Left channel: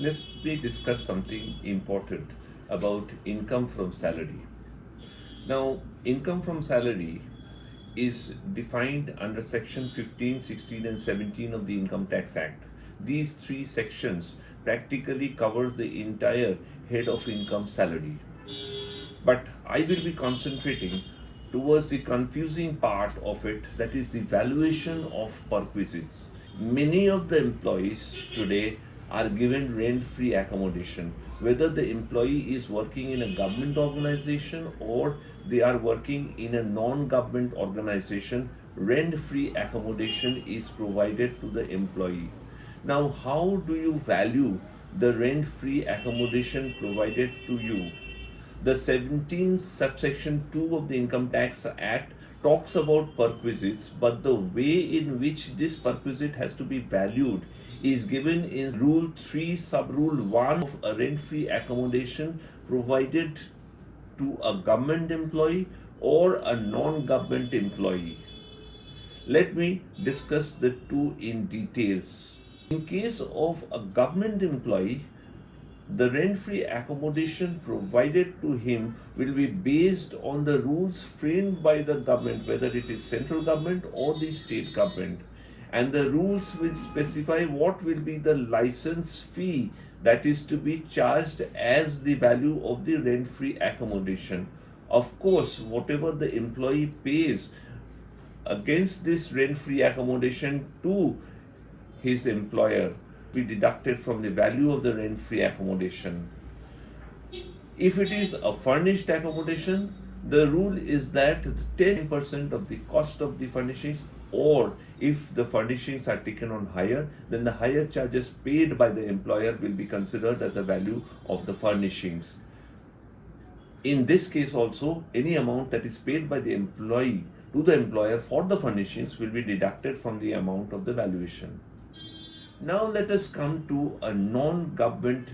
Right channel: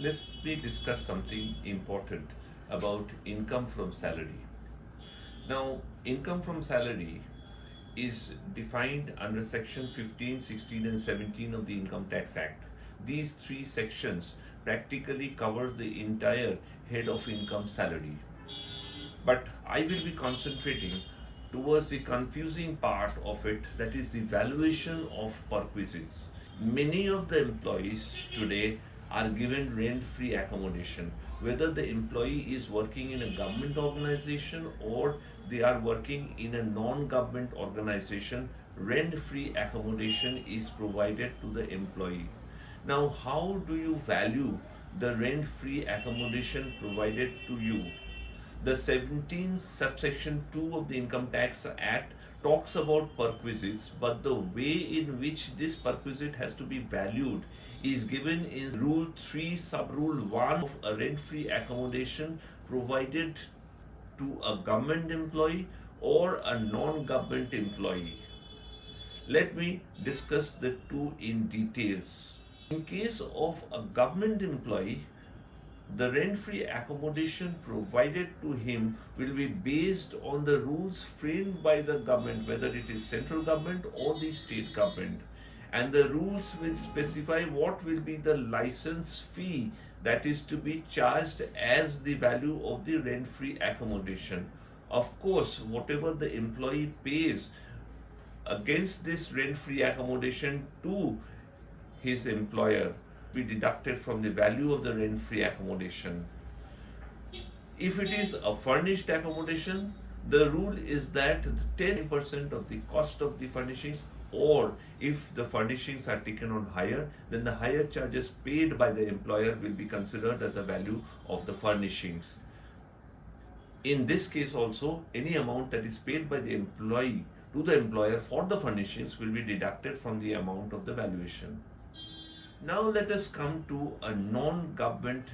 Let me discuss something important about income from salary. Now, income from salary is defined under section 15, 16 and 17 of the Income Tax Act. These three sections practically cover the entire head of income salary. But I will be concentrating towards the confusing part of it, that is the valuation of perquisites. Many of the employees today are given rent-free accommodation, whether the employee is working in a government organization or they are working in a non-government organization. Rent-free accommodation is provided to the employee. Now, how do you value the rent-free accommodation provided to you? The 17 subsection 2 of the Income Tax Act talks about perquisites, but the way in which this perquisite has to be valued is given in Rule 3, Sub-Rule 1 of a rent-free accommodation provided to a government employee or a non-government employee. Let me discuss the two in details. In case of a government employee, the rent-free accommodation provided to him will be based on the rules framed by the government, whether it is central government or the state government. And the rules will specify what will be the license fee that is to be charged as the value of the rent-free accommodation. Of course, whatever the employee pays against this rent-free accommodation to his employer be deducted from the value of the rent-free accommodation. If it is a furnished accommodation, the rule is that 10% of the cost of the furnishings, or if the furnishings are taken on hire, then the hire charges paid by the employer will be considered as a value of the furnishings. In this case also, any amount that is paid by the employee to the employer for the furnishings will be deducted from the amount of the valuation. Now let us come to a non-government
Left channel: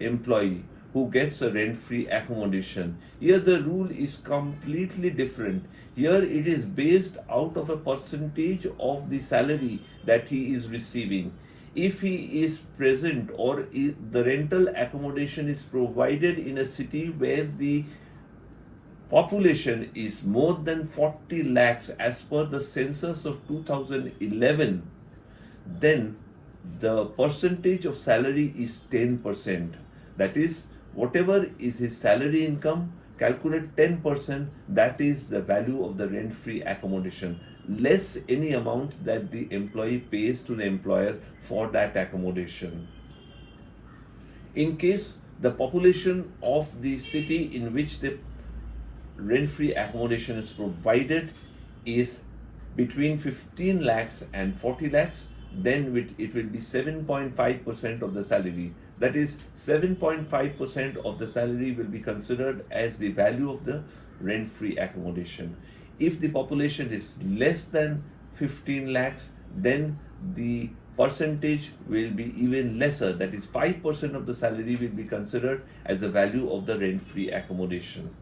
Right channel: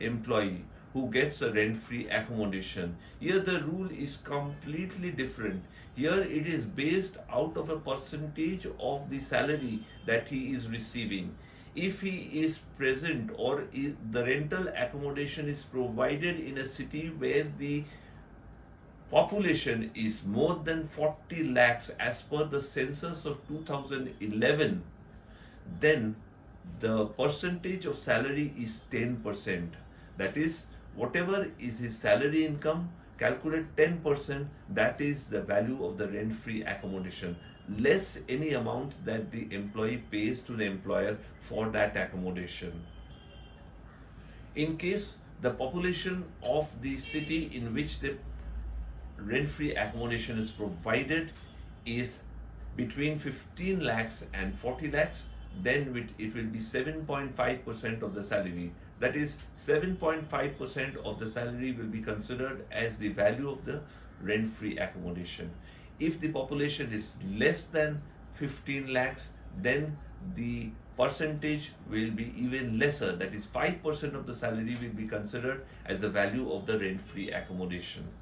employee who gets a rent-free accommodation. Here the rule is completely different. Here it is based out of a percentage of the salary that he is receiving. If he is present or the rental accommodation is provided in a city where the population is more than 40 lakhs as per the census of 2011, then the percentage of salary is 10%. That is, whatever is his salary income, calculate 10%, that is the value of the rent-free accommodation, less any amount that the employee pays to the employer for that accommodation. In case the population of the city in which the rent-free accommodation is provided is between 15 lakhs and 40 lakhs, then it will be 7.5% of the salary. That is, 7.5% of the salary will be considered as the value of the rent-free accommodation. If the population is less than 15 lakhs, then the percentage will be even lesser. That is, 5% of the salary will be considered as the value of the rent-free accommodation.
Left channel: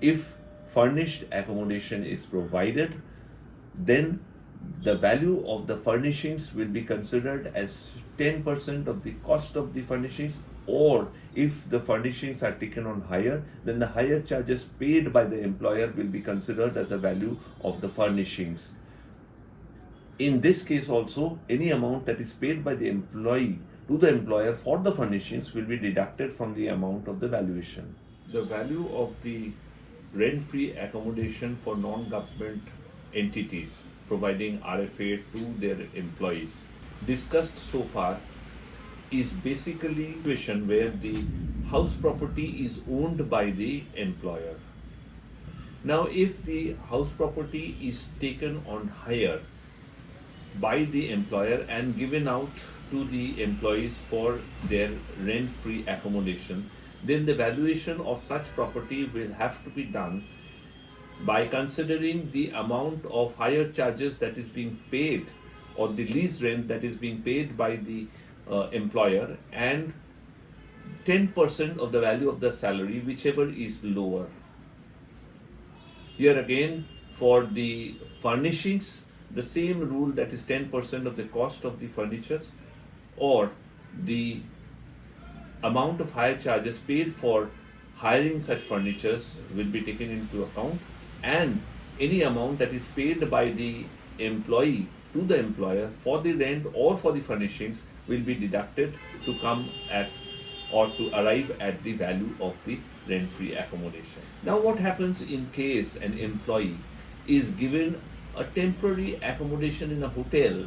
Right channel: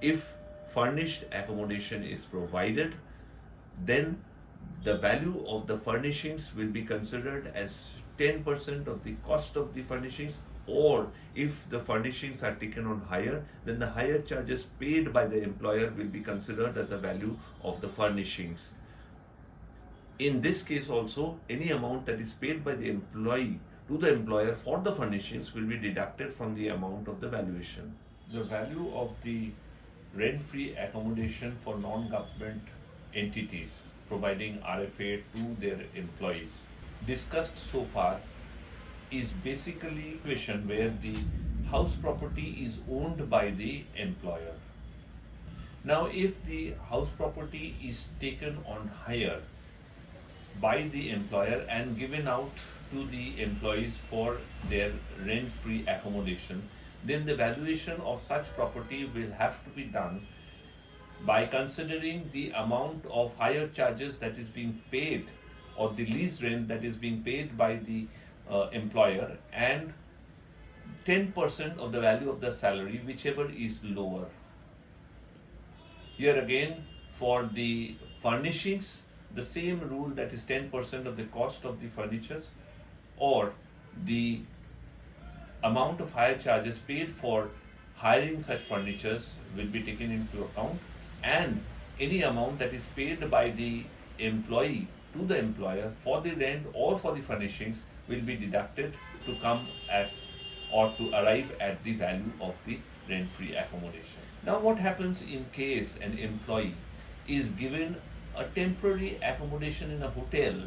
If furnished accommodation is provided, then the value of the furnishings will be considered as 10% of the cost of the furnishings, or if the furnishings are taken on hire, then the hire charges paid by the employer will be considered as a value of the furnishings. In this case also, any amount that is paid by the employee to the employer for the furnishings will be deducted from the amount of the valuation. The value of the rent-free accommodation for non-government entities providing RFA to their employees discussed so far is basically a situation where the house property is owned by the employer. Now, if the house property is taken on hire by the employer and given out to the employees for their rent-free accommodation, then the valuation of such property will have to be done by considering the amount of hire charges that is being paid, or the lease rent that is being paid by the employer, and 10% of the value of the salary, whichever is lower. Here again, for the furnishings, the same rule, that is 10% of the cost of the furniture, or the amount of hire charges paid for hiring such furnitures will be taken into account, and any amount that is paid by the employee to the employer for the rent or for the furnishings will be deducted to come at or to arrive at the value of the rent-free accommodation. Now, what happens in case an employee is given a temporary accommodation in a hotel?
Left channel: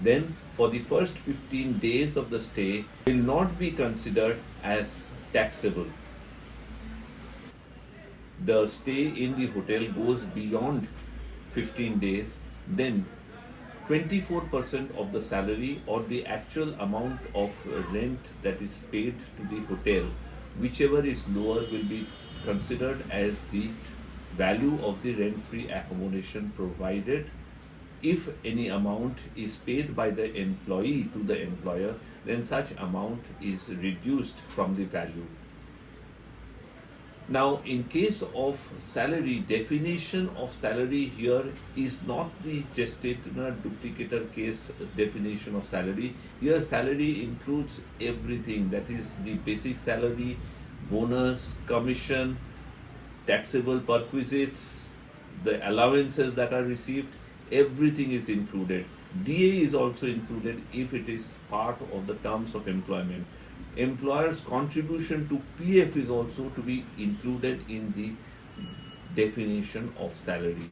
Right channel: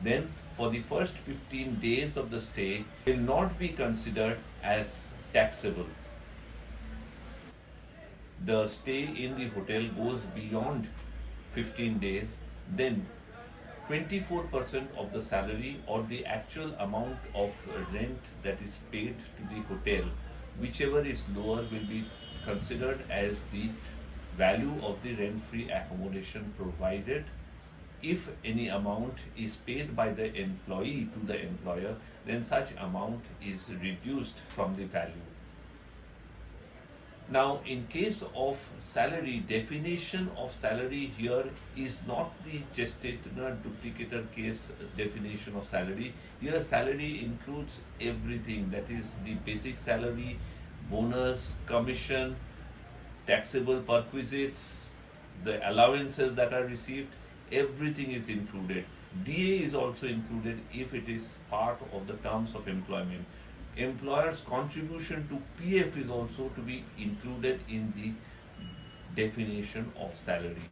Then for the first 15 days of the stay will not be considered as taxable. The stay in the hotel goes beyond 15 days, then 24% of the salary or the actual amount of rent that is paid to the hotel, whichever is lower, will be considered as the value of the rent-free accommodation, provided if any amount is paid by the employee to the employer, then such amount is reduced from the value. Now, in case of salary, definition of salary here is not the gestational duplicator case definition of salary. Here, salary includes everything, that is the basic salary, bonus, commission, taxable perquisites, the allowances that are received, everything is included. DA is also included if it is part of the terms of employment. Employer's contribution to PF is also to be included in the definition of salary.